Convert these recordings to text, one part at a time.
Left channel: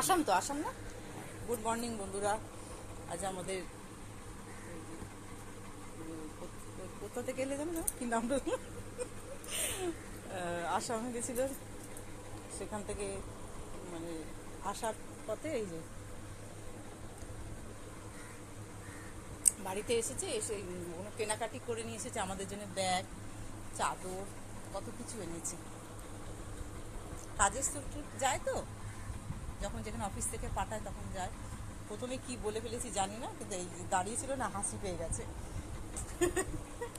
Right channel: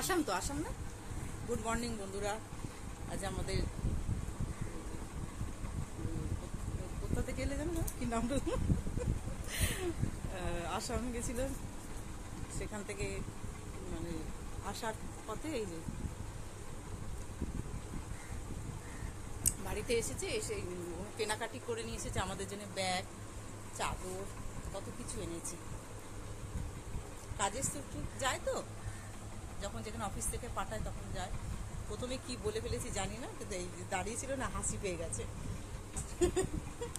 আসাম তো, আসাম না? Good morning বন্ধুরা। আজ আমাদের কোথা থেকে এলে জানো না কি নামটা, আসামে গেছিল, সেখান থেকে মানে আসার পথে এই যে বাড়িতে এসেছে, এসে কেনাকাটি করে নিয়ে এসেছে আমাদের জন্য ব্যাগ, চাদর, কত কিছু এনেছে। কাজের সূত্রে যায় তো, যখন যেখানে অফিস থেকে পাঠায় তখন যায়। প্রথমে কি বলে ফেলেছি জানি না, কিন্তু এই দাঁড়িয়ে ছিল না, হাসি পেয়ে গেছে।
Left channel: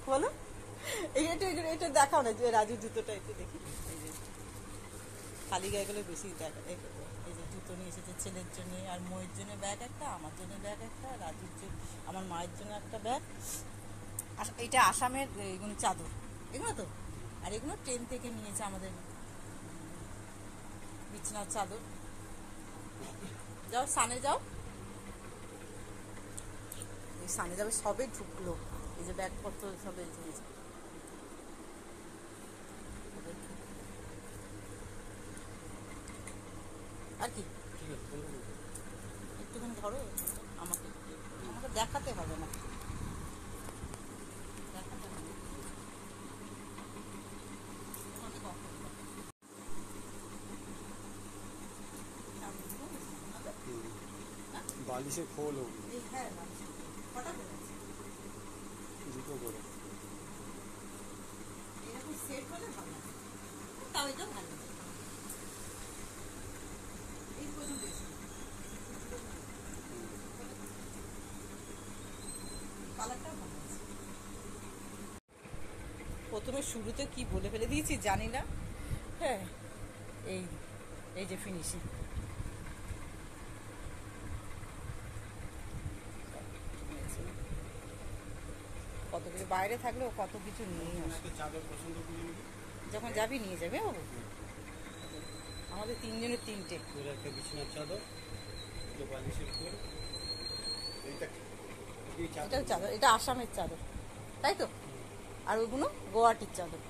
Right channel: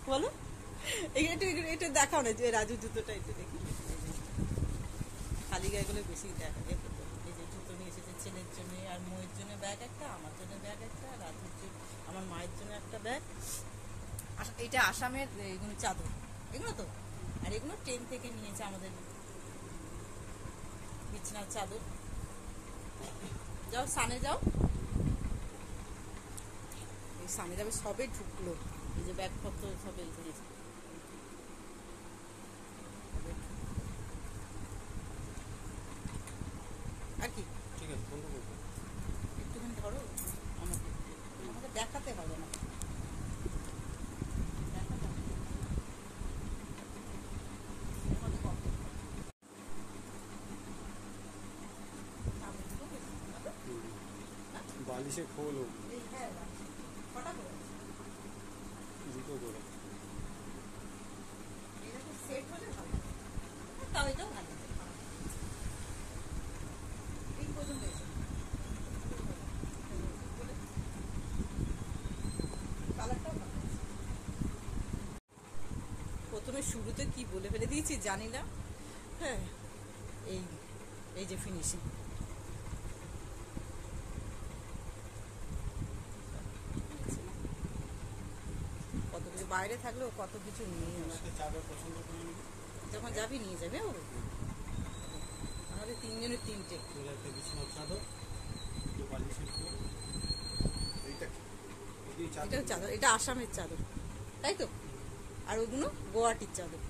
বলো, এটা দেখাও না, যে রাজুর জুতোটা একটু দেখি। এই যে খালি গায়েগুলো বেশি দেখা, এই যে জুতো নিয়ে এসেছে ছেলের জন্য, আর ময়ের জন্য ব্যাগ একটা, আমার জন্য ব্যাগ একটা, রাজুর জন্য, আমার মায়ের জন্য একটা ব্যাগ। এটা আসামের এগুলো চাদর, এগুলো তো, আর এগুলো ট্রেন থেকে নিয়েছে আমাদের বিছানার চাদর। যাও সানে যাও, এই সানে যাবে, সবে ঢুকলো, এই যে ব্যাগপত্র সবে জিনিস। আর কি একটুখানি ধরো, আমাকে আমাকে দেখাতে হবে না, বালিশে খোল হোক, হ্যাঁ কটা করে দুটো করে এরকম সেট হলে ভালো, তাও এটা ভালো। এই পর্যন্ত কালারটাও ভালো আছে। প্রথমে শুরুতে কি বলে ফেলে দিয়েছি জানি না। হ্যাঁ, এই এই যে ফিনিশিং, কত কিছু বাইরে থাকলেও কত কিছু নিয়ে আসে। চাদর পছন্দ করলি, যখন যাবি নিয়ে যাবে বাবু, আমাদের তিনজনের তিনটে। তোর একটা বিছানার চাদর, দুটো বালিশের খোল, এটাও চাদর, এটা আসামের চাদর তাই তো, আর ওগুলো গোয়াহাটির চাদর।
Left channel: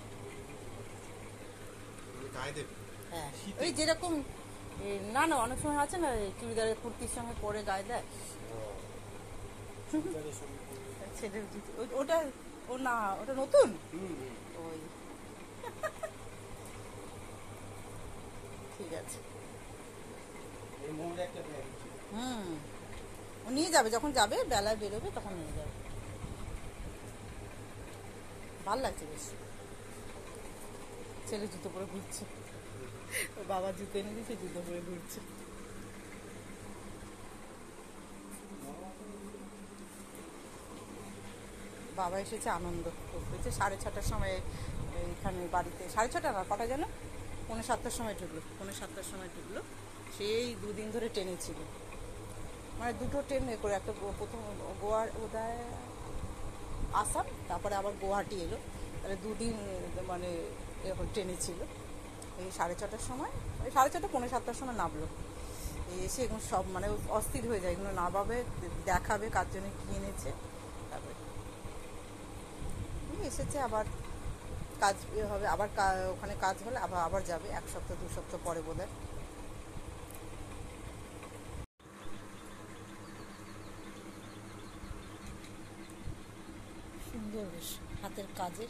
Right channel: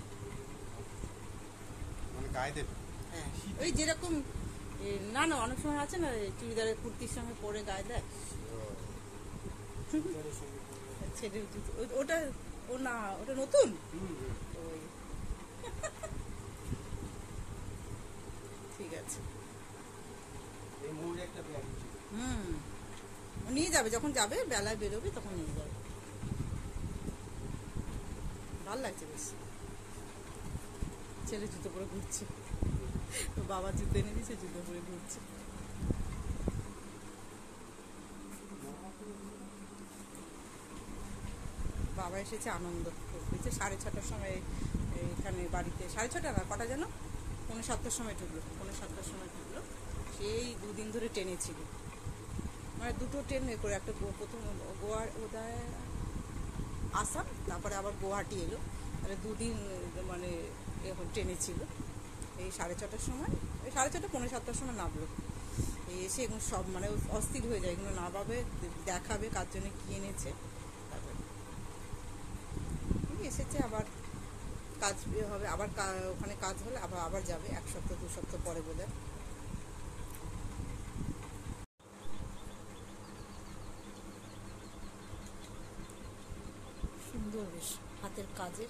হ্যাঁ, ওই যেরকম না না অনেক সময় আছে না, চুড়িদারের কুর্তির সঙ্গে পরে গায়ে দেয় ছেলের, ওটা ও না, ওটা নতুন ওই ঠিক আছে। ও নিয়ে যাবে, যখন যাবে বেলায় বেরোবে তখন নিয়ে যাবে। ভাল লাগছে বেশ। ছেলে জুতো পরে ঘুরছে, তো বাবা জুতো এনে দিয়েছে, জুতো পরে ঘুরছে। বাবা এসেছে আনন্দ করতেছে 6:30টার সময় এখানে বাড়িতে, 6:30 না কটা যেন, 6:45টার সময় ঢুকলো, 6:45টার সময় ঢুকলো। সেই দুদিন ধরে ট্রেনে ছিল, মানে দুটো ট্রেন করে, একটা প্রথম গোয়ার ওদায় আসাম, তারপরে আবার গুয়াহাটি এলো, তাহলে দুদিন মানে এখন ট্রেনে ছিল। এই 6:30টার সময়, ওই 6:30, 6:45টার সময় নামলো। এই এসে এগুলো সব মানে অস্থির হয়ে যায়, এগুলো নামাবে, দেখাবে কার জন্য কি এনেছে, তারপরে এসেছে। আবার কাজ হবে, আবার ওখানে কাজ হলে আবার যাবে, 1 সপ্তাহ 2 সপ্তাহ পরে বোধহয়। সুন্দর বেশ হাতের কাজের।